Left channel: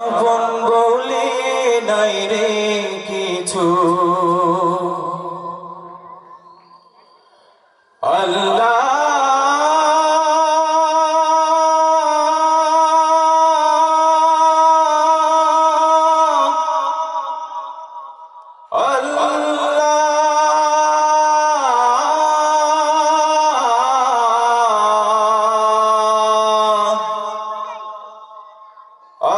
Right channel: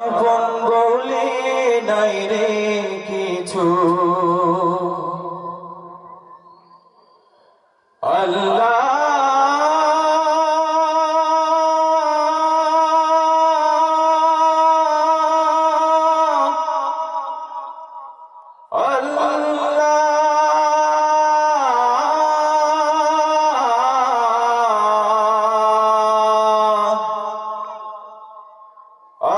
আপন বলে নাই রে কিছু, আল্লাহ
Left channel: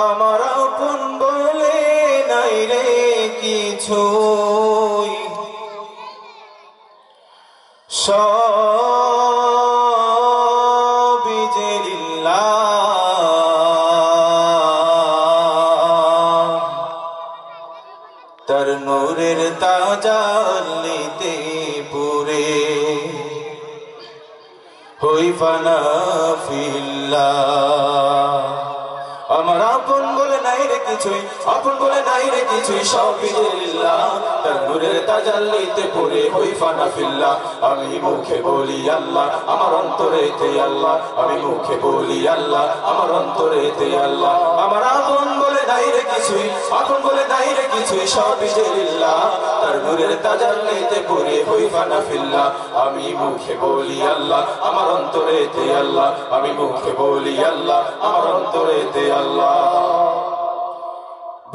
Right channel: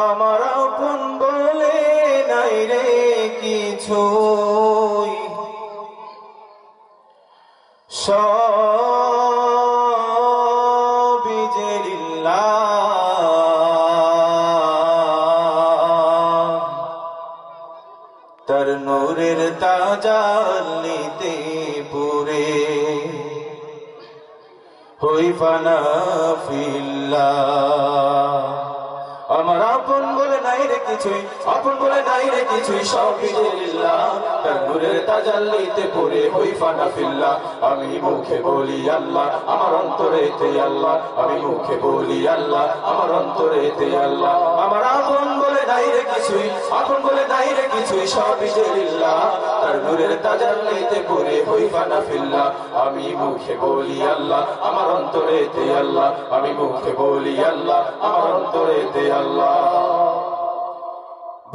আমার আপন বলে নাই রে কিছুই, সবই যে লিল্লাহ, তার নূরের তাজাল্লিতে পুরে হই ফানা ফিল্লাহ। আমার আপন বলে নাই রে কিছুই, আপন বলে নাই রে কিছুই, সবই যে লিল্লাহ, তার নূরের তাজাল্লিতে পড়ে হই ফানা ফিল্লাহ। আমি মুখে বলি আল্লাহ, আমার অন্তরেতে আল্লাহ, আমি মুখে বলি আল্লাহ, আমার অন্তরেতে আল্লাহ। আমার আপন বলে নাই রে কিছুই, আপন বলে নাই রে কিছুই, সবই যে লিল্লাহ, তার নূরের তাজাল্লিতে পড়ে হই ফানা ফিল্লাহ। আমি মুখে বলি আল্লাহ, আমার অন্তরেতে আল্লাহ, আমি মুখে বলি আল্লাহ, আমার অন্তরেতে আল্লাহ।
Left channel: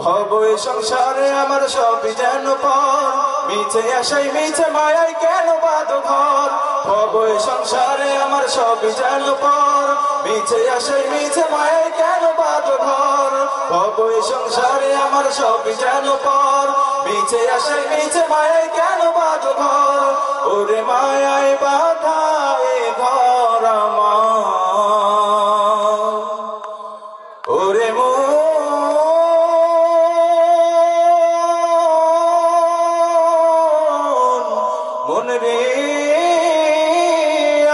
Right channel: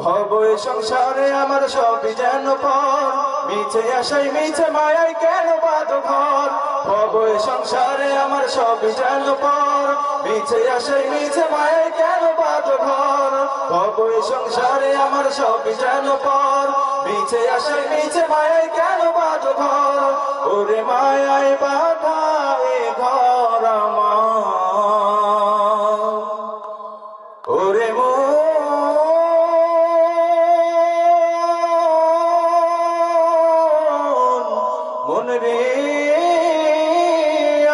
ভব সংসারে আমার সবই যেন পর, মিছে আশাই মিছে মায়াই কেন বাদ ঘর। ভব সংসারে আমার সবই যেন পর, মিছে আশাই মিছে মায়াই কেন বাদ ঘর। ভব সংসারে আমার সবই যেন পর, মিছে আশাই মিছে মায়াই কেন বাদ ঘর। ওরে মায়াই বাধা এ ঘর আমার, ওরে মন রে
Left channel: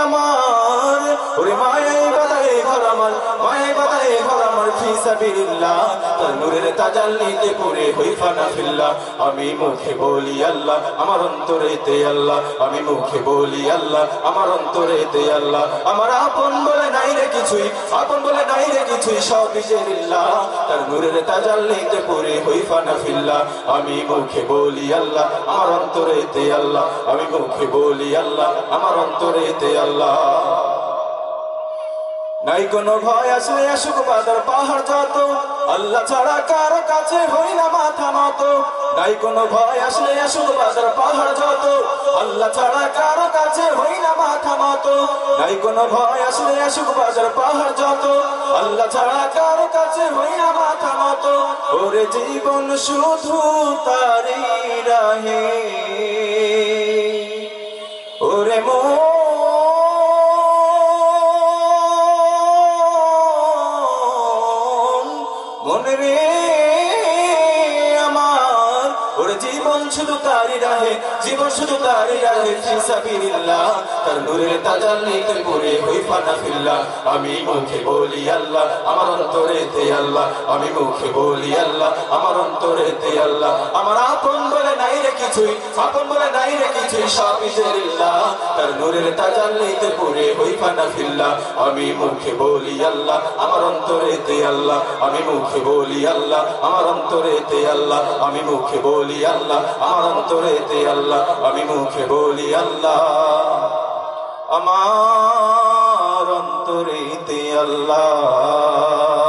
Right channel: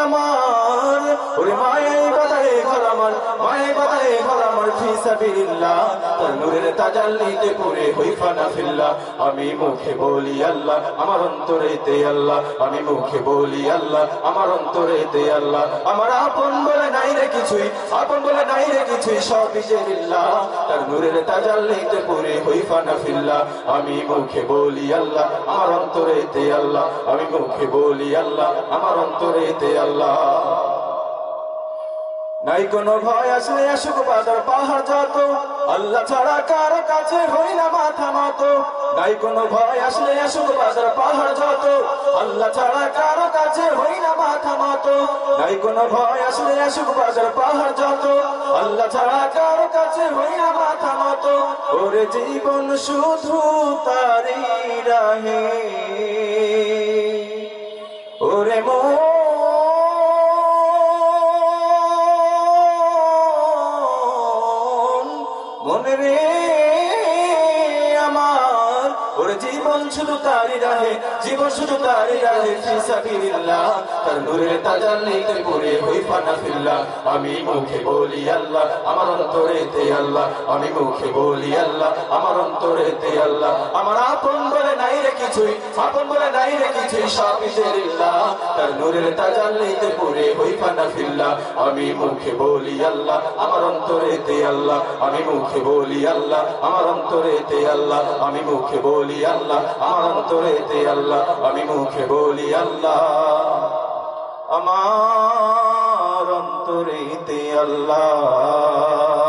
আমার, ওরে মায়াই বাধায় ঘর আমার, মায়াই বাধায় ঘর আমার, ফি সাবিলিল্লাহ, তার নূরের তাজাল্লিতে পড়ে হই ফানা ফিল্লাহ। আমি মুখে বলি আল্লাহ, আমার অন্তরেতে আল্লাহ, আমি মুখে বলি আল্লাহ, আমার অন্তরেতে আল্লাহ। আমার আপন বলে নাই রে কিছুই, আপন বলে নাই রে কিছুই, সবই যে লিল্লাহ, তার নূরের তাজাল্লিতে পড়ে হই ফানা ফিল্লাহ। আমি মুখে বলি আল্লাহ, আমার অন্তরেতে আল্লাহ, আমি মুখে বলি আল্লাহ, আমার অন্তরেতে আল্লাহ। নাই কোনো ভয় আসলে আসুক বাদর পাহাড় যত, আল্লাহ ছাড়া কারো কাছে হই না মাথা নত। নাই কোনো ভয় আসলে আসুক বাদর পাহাড় যত, আল্লাহ ছাড়া কারো কাছে হই না মাথা নত। নাই কোনো ভয় আসলে আসুক বাদর পাহাড় যত, আল্লাহ ছাড়া কারো কাছে হই না মাথা নত। ওরে জীবন শুধু তারি রাহে, ওরে মন রে আমার, ওরে জীবন শুধু তারি রাহে, জীবন শুধু তারি রাহে, ফি সাবিলিল্লাহ, তার নূরের তাজাল্লিতে পড়ে হই ফানা ফিল্লাহ। আমি মুখে বলি আল্লাহ, আমার অন্তরেতে আল্লাহ, আমি মুখে বলি আল্লাহ, আমার অন্তরেতে আল্লাহ। আমার আপন বলে নাই রে কিছুই, আপন বলে নাই রে কিছুই, সবই যে লিল্লাহ, তার নূরের তাজাল্লিতে পড়ে হই ফানা ফিল্লাহ। আমি মুখে বলি আল্লাহ, আমার অন্তরেতে আল্লাহ, আমি মুখে বলি আল্লাহ, আমার অন্তরেতে আল্লাহ, আমি মুখে বলি আল্লাহ, আমার অন্তরেতে আল্লাহ, আমি মুখে বলি আল্লাহ, আমার অন্তরেতে আল্লাহ।